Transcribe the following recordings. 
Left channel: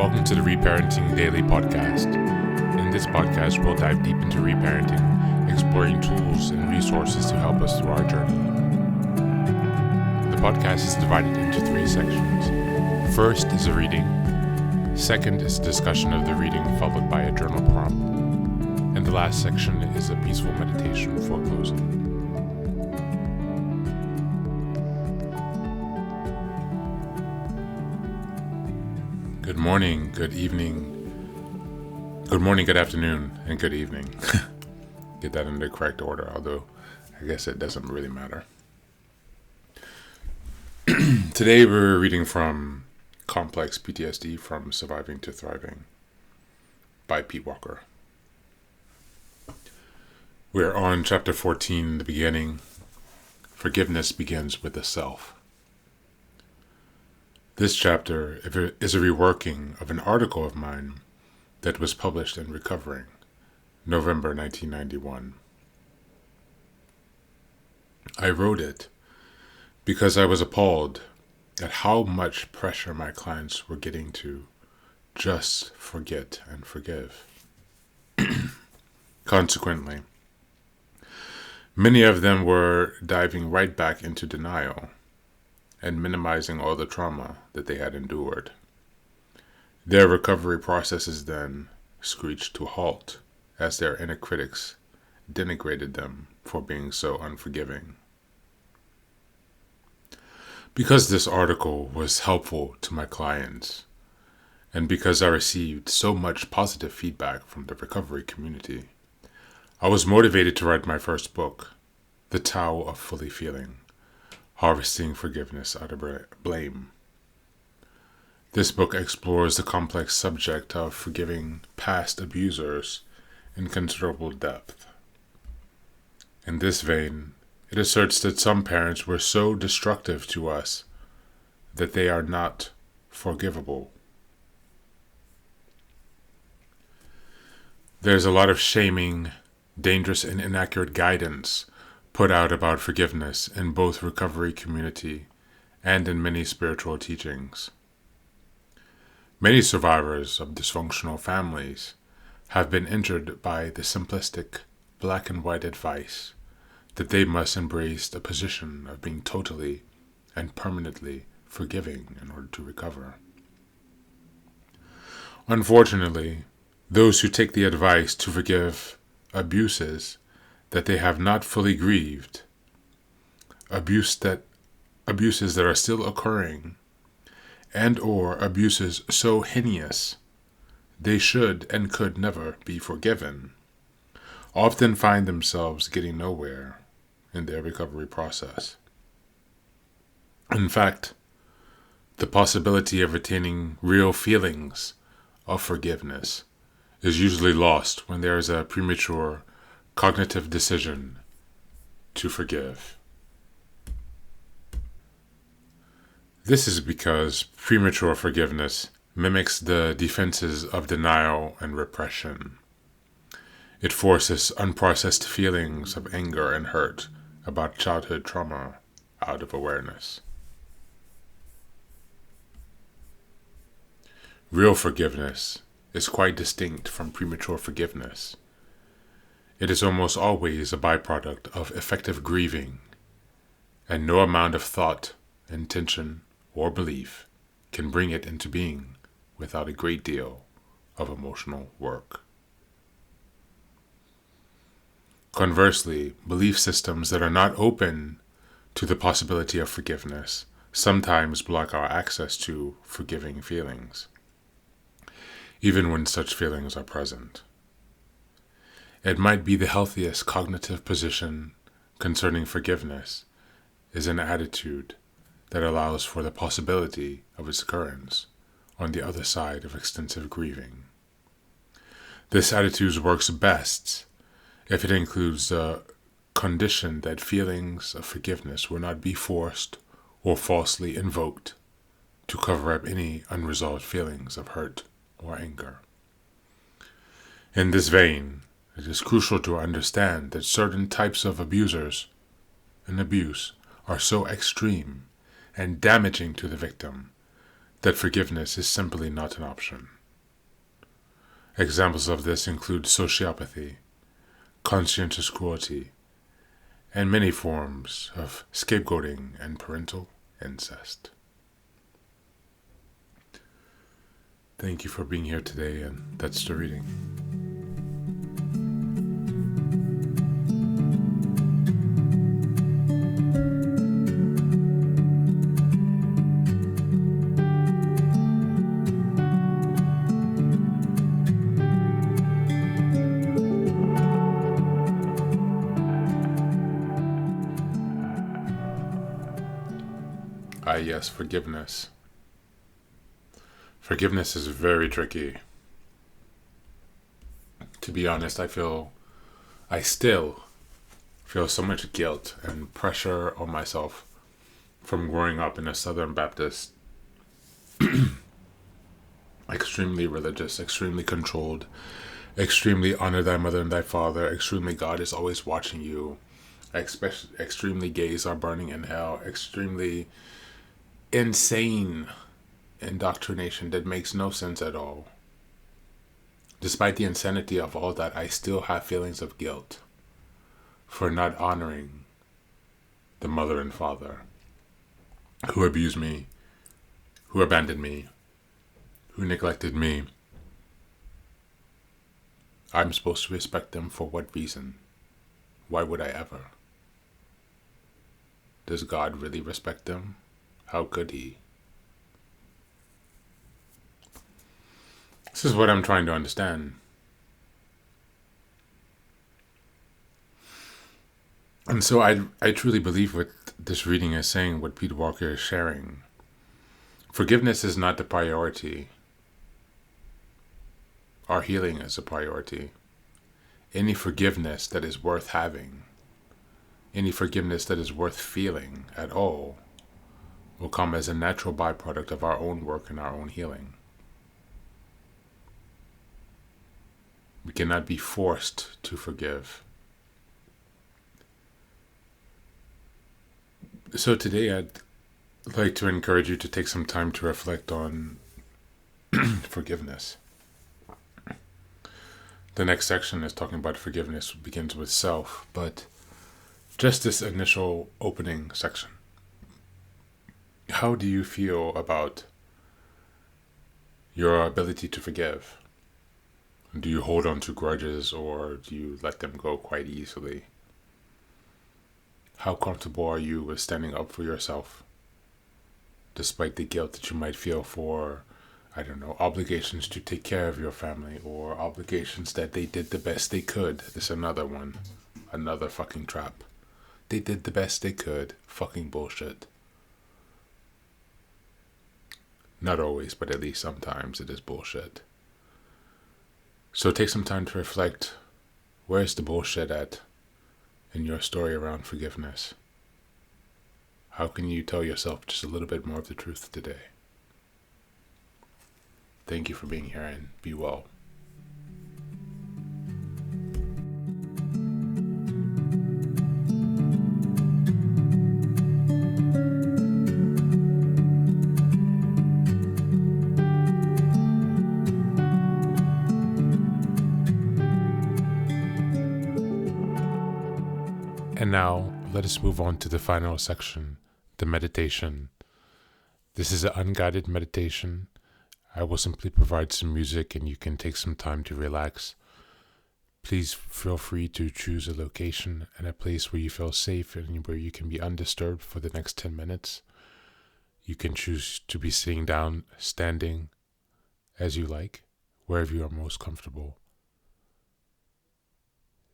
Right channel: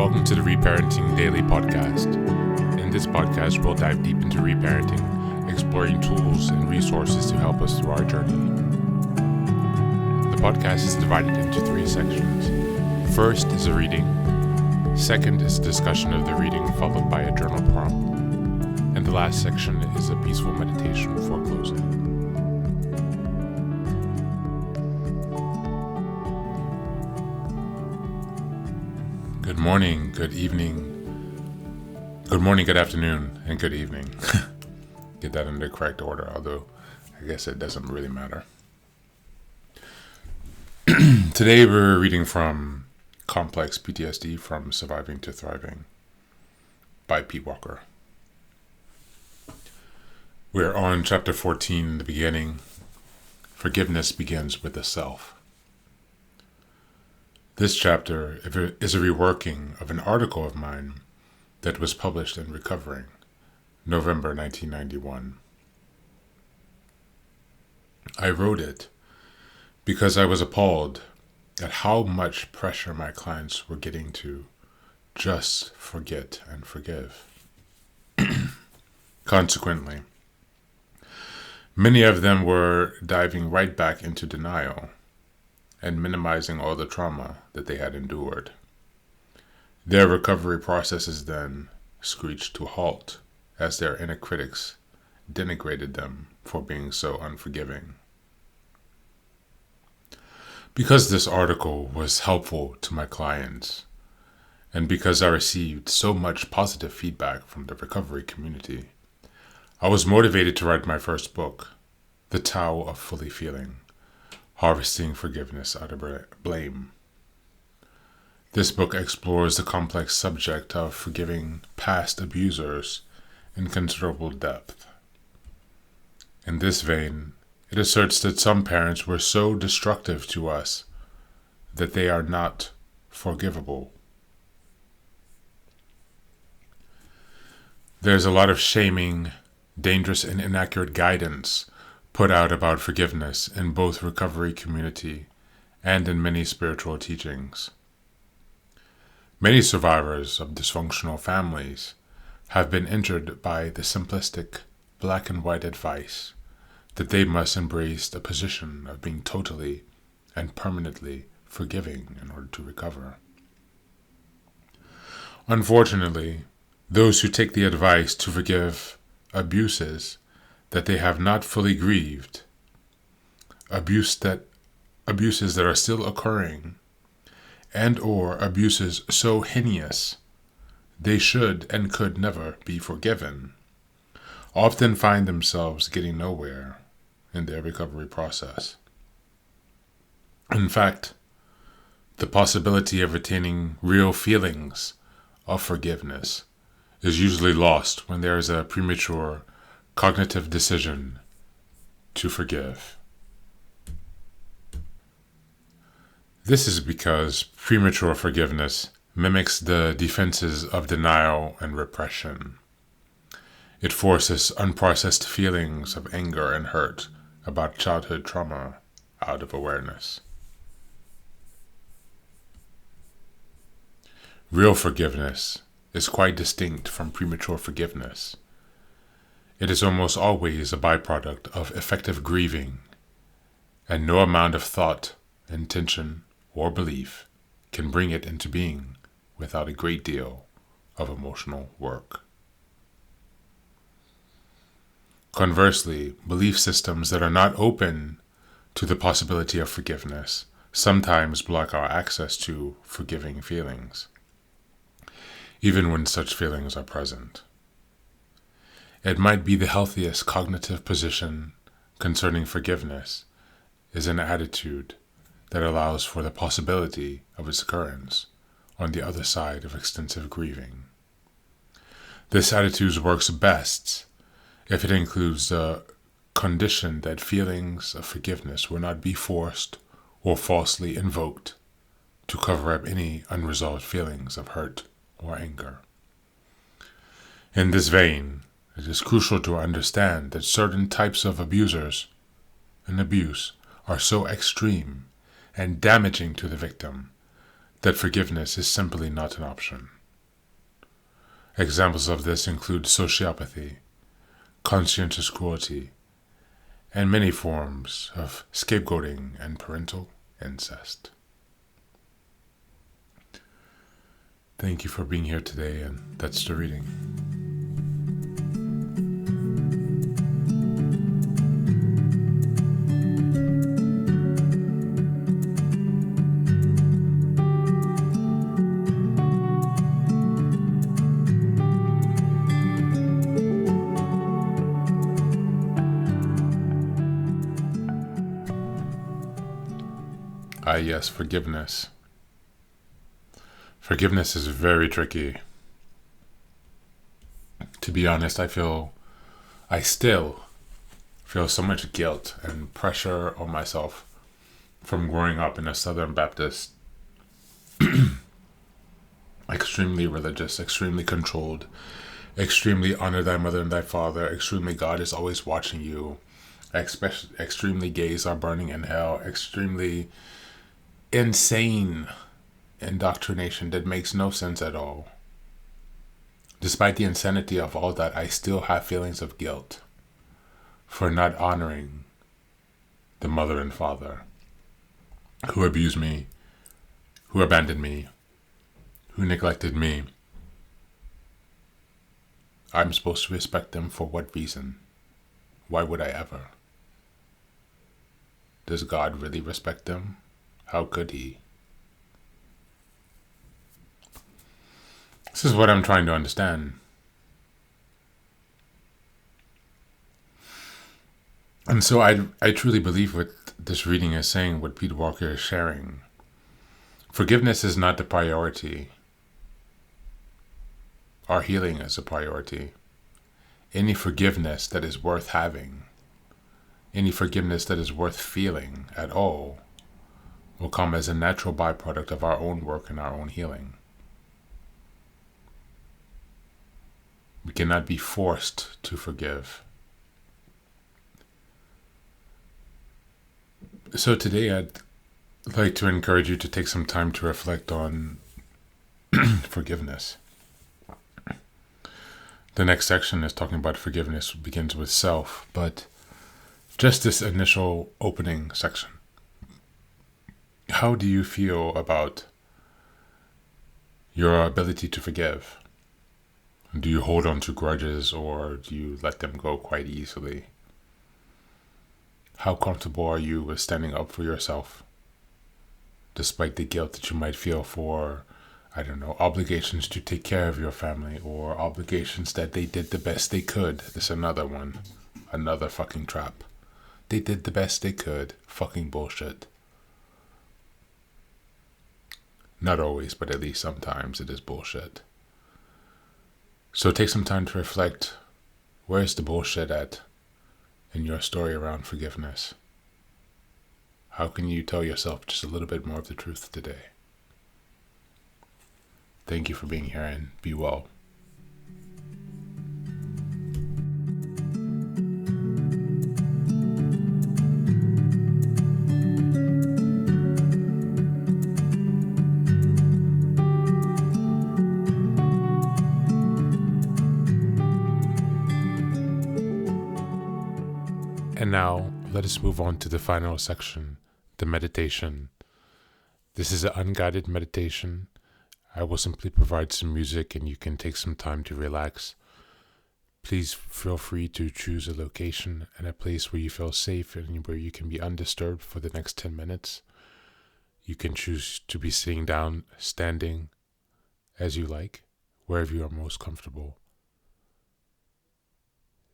Welcome to the Reparenting Daily podcast. In this podcast, we'll dive deep into reparenting, exploring tools and resources to help us through our journey. The podcast is divided into 3 sections. First is a reading. Second is a discussion of the reading, followed by a journal prompt. And the last section is a peaceful meditation for closing. Good morning, good evening, good afternoon, and good evening. Get that in the correct order, although I guess it doesn't really matter. Today we're reading from Complex PTSD from Surviving to Thriving by Pete Walker. We're on chapter 14, the beginning. Forgiveness begins with the self. This chapter is a reworking of an article of mine that was published in Recovering, November 1991. I wrote it because I was appalled at how much pressure my clients were getting to just forget and forgive. Consequently, many of them were diving right back into denial and minimizing all the trauma that they had endured. Their recovery processes then screeched to a halt as their inner critics denigrated them for being so unforgiving. Because this article was helpful to my clients, and because I received so much positive feedback from the recovery community, I was motivated to write my first book, The Tao of Fully Feeling: Harvesting Forgiveness Out of Blame. This book explores the complex subject of forgiving past abusers in considerable depth. In this vein, it asserts that some parents were so destructive to us that they are not forgivable. There's a lot of shaming, dangerous and inaccurate guidance put out about forgiveness in both recovery community and in many spiritual teachings. Many survivors of dysfunctional families have been injured by the simplistic black and white advice that they must embrace a position of being totally and permanently forgiving in order to recover. Unfortunately, those who take the advice to forgive abuses that they have not fully grieved, abuses that are still occurring, and or abuses so heinous they should and could never be forgiven, often find themselves getting nowhere in their recovery process. In fact, the possibility of attaining real feelings of forgiveness is usually lost when there is a premature cognitive decision to forgive. This is because premature forgiveness mimics the defenses of denial and repression. It forces unprocessed feelings of anger and hurt about childhood trauma out of awareness. Real forgiveness is quite distinct from premature forgiveness. It is almost always a byproduct of effective grieving, and no amount of thought, intention, or belief can bring it into being without a great deal of emotional work. Conversely, belief systems that are not open to the possibility of forgiveness sometimes block our access to forgiving feelings, even when such feelings are present. It might be the healthiest cognitive position concerning forgiveness is an attitude that allows for the possibility of its occurrence on the other side of extensive grieving. This attitude works best if it includes the condition that feelings of forgiveness will not be forced or falsely invoked to cover up any unresolved feelings of hurt or anger. In this vein, it is crucial to understand that certain types of abusers and abuse are so extreme and damaging to the victim that forgiveness is simply not an option. Examples of this include sociopathy, conscientious cruelty, and many forms of scapegoating and parental incest. Thank you for being here today, and that's the reading. Yes, forgiveness. Forgiveness is very tricky. To be honest, I still feel so much guilt and pressure on myself from growing up in a Southern Baptist, extremely religious, extremely controlled, extremely honor thy mother and thy father, extremely God is always watching you, extremely gays are burning in hell, extremely insane indoctrination that makes no sense at all. Despite the insanity of all that, I still have feelings of guilt for not honoring the mother and father who abused me, who abandoned me, who neglected me. I'm supposed to respect them for what reason? Why would I ever? Does God really respect them? How could he? This is what I'm trying to understand. And so I truly believe what this reading is saying, what Peter Walker is sharing. Forgiveness is not the priority. Our healing is a priority. Any forgiveness that is worth having, any forgiveness that is worth feeling at all, will come as a natural byproduct of our own work and our own healing. We cannot be forced to forgive. So today I'd like to encourage you to take some time to reflect on forgiveness. The next section is talking about forgiveness, begins with self, but just this initial opening section. How do you feel about your ability to forgive? Do you hold on to grudges, or do you let them go quite easily? How comfortable are you with standing up for yourself, despite the guilt that you might feel for, obligations to take care of your family, or obligations that they did the best they could? This is another one. Another fucking trap. They did the best they could. Fucking bullshit. Not always, but at least sometimes it is bullshit. So take some time to reflect, where is the bullshit at in your story around forgiveness? How can you tell yourself just a little bit more of the truth today? Thank you for being here, and be well. And now, let us move on to the final section, the meditation. This is an unguided meditation. I will simply provide some music and you can take some time to relax. Please feel free to choose a location and a place where you feel safe and where you can be undisturbed for the next 10 minutes. You can choose to be sitting down, standing, as you like, wherever you are most comfortable.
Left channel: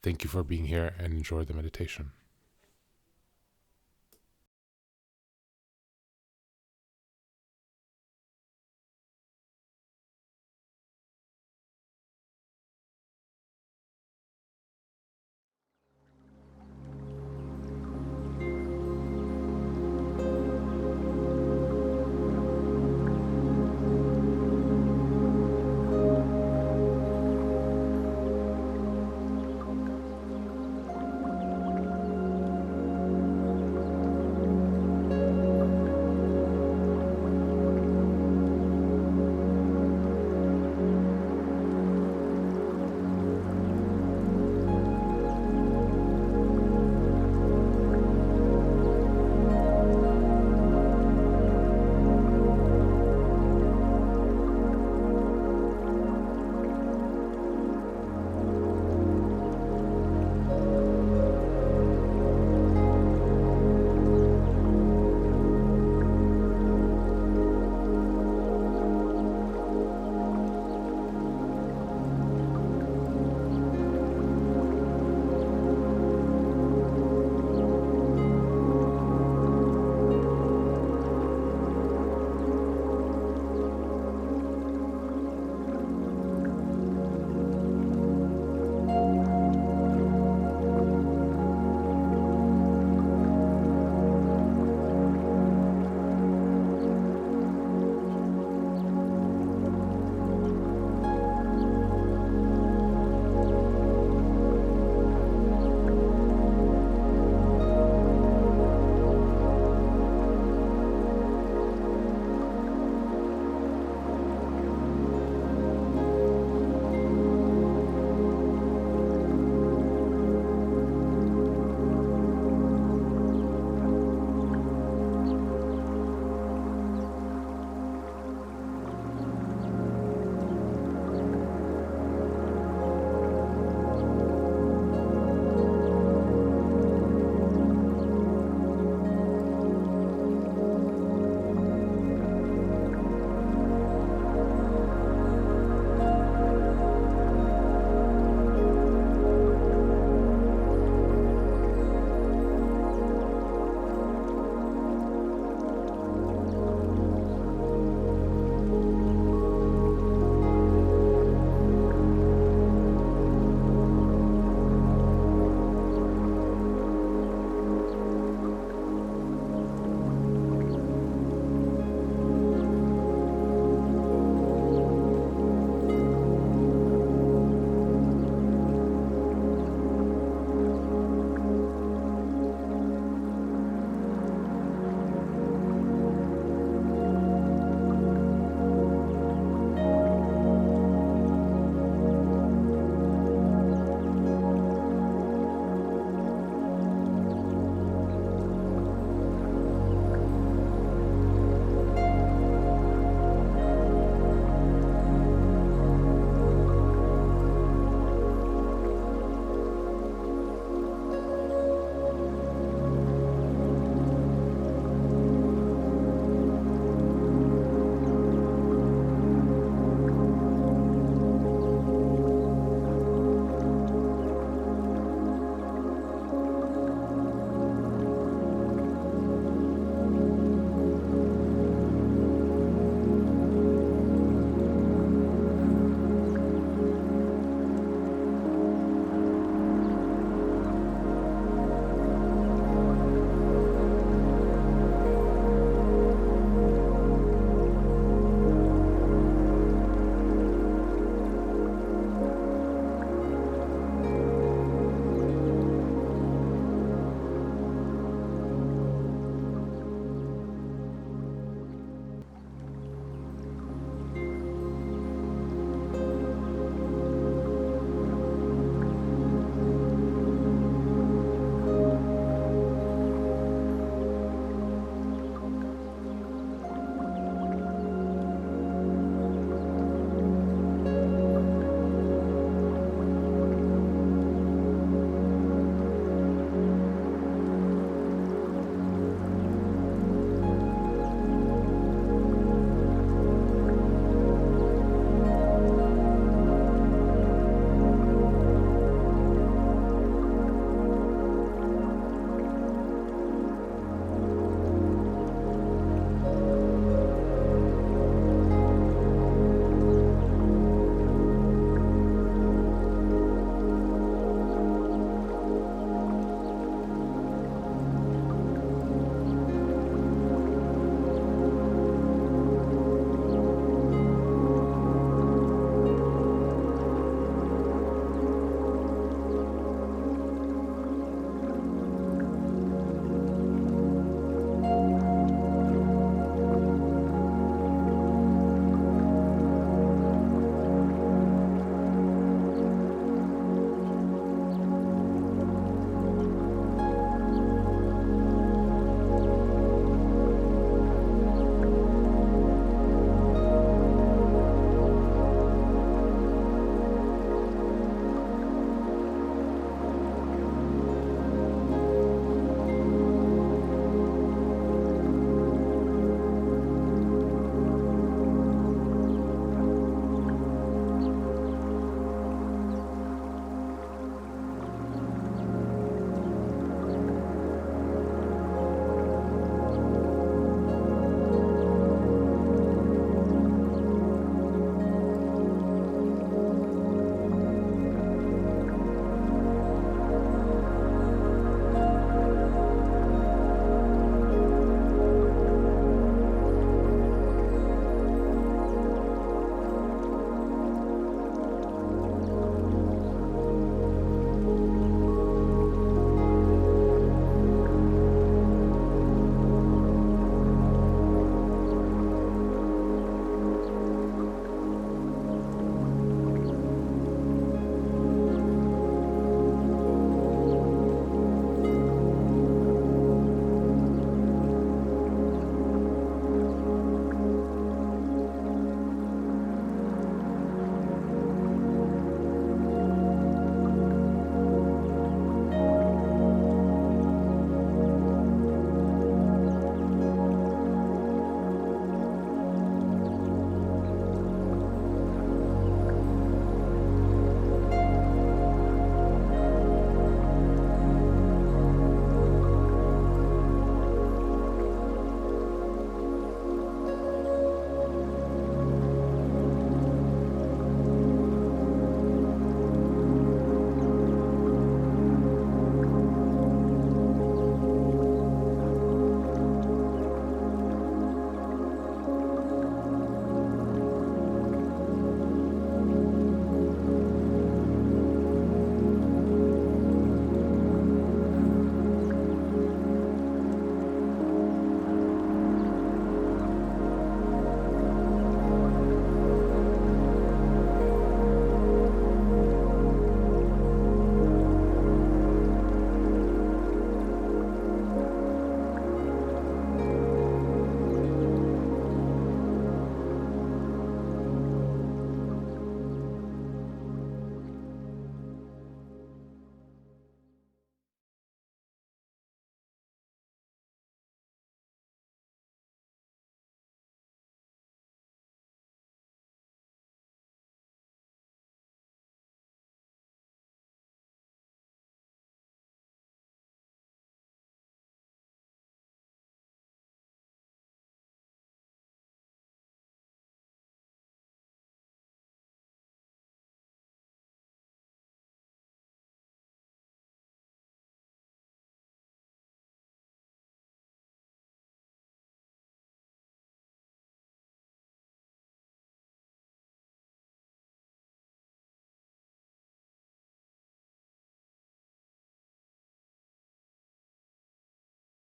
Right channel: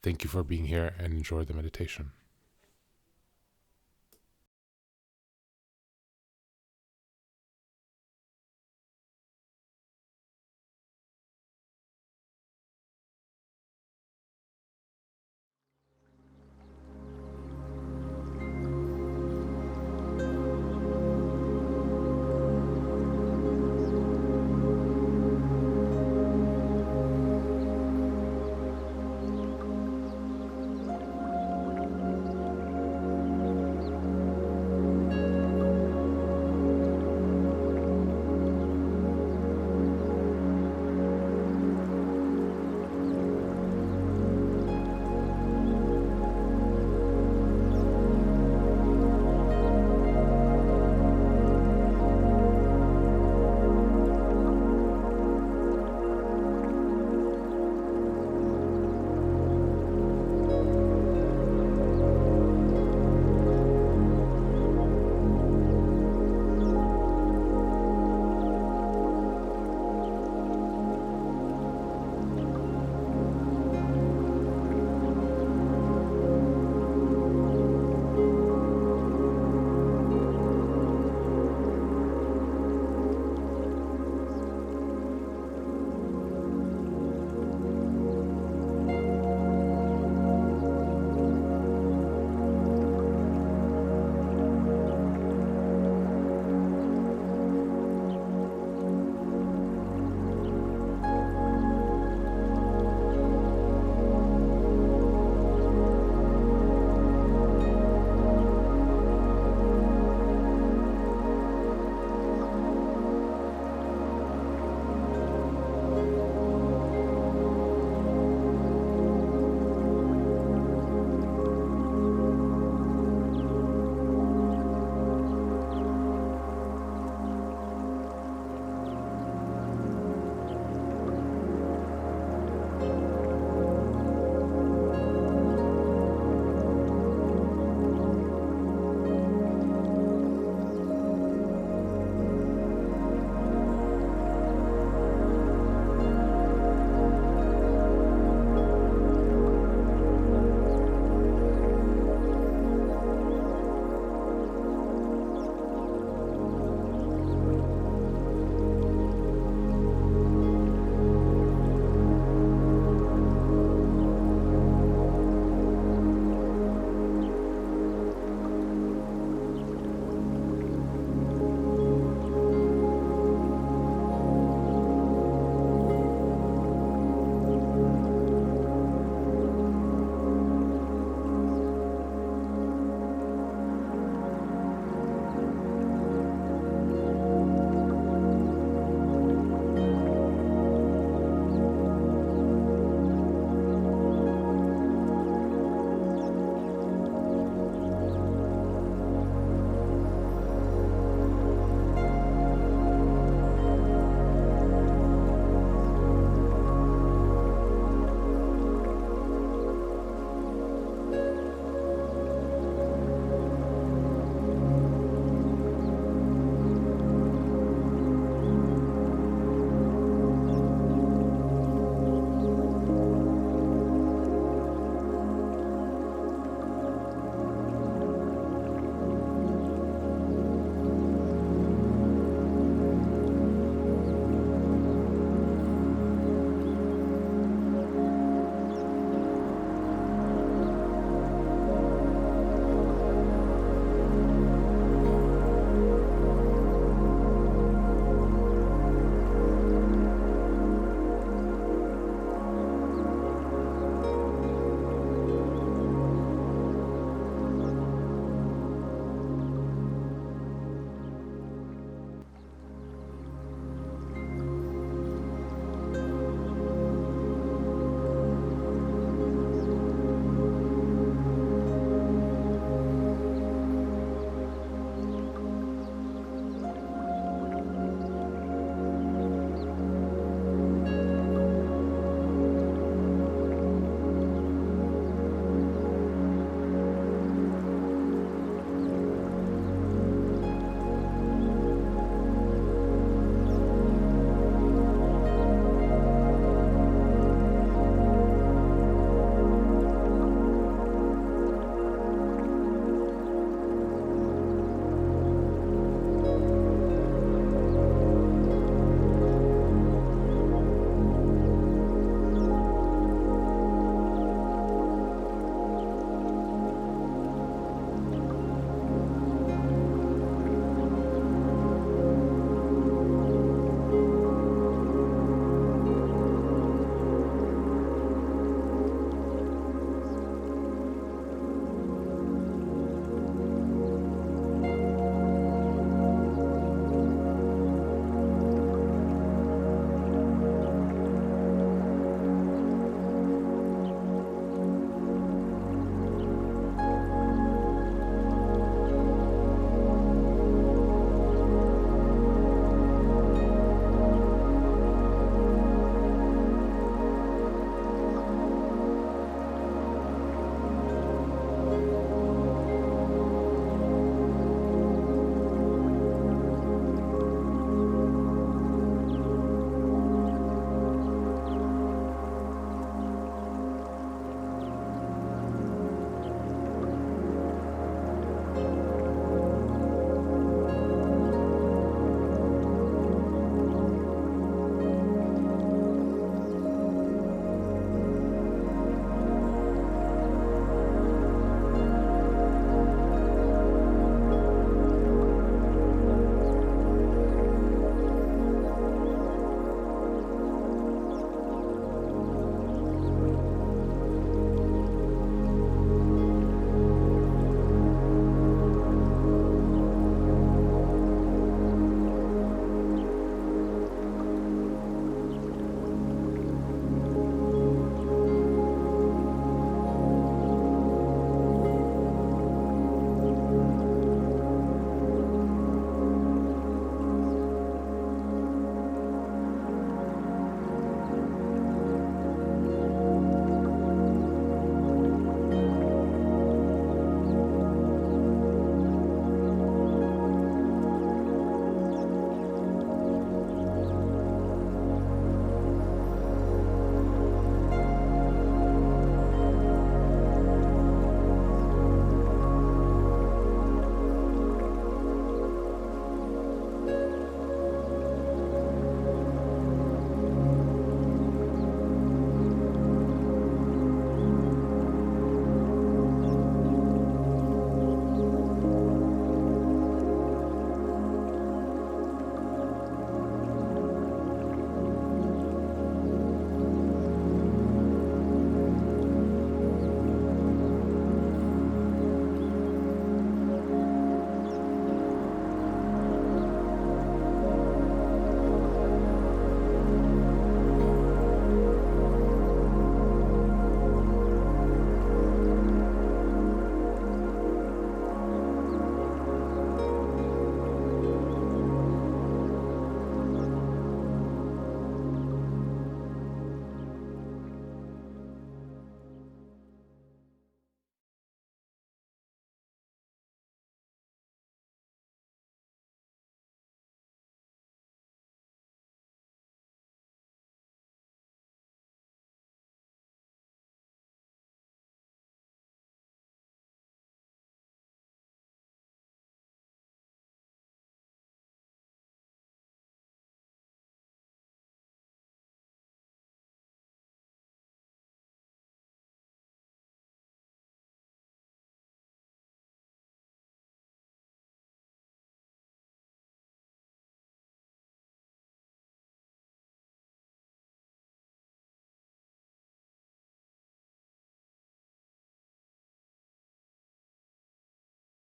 Thank you for being here and enjoy the meditation.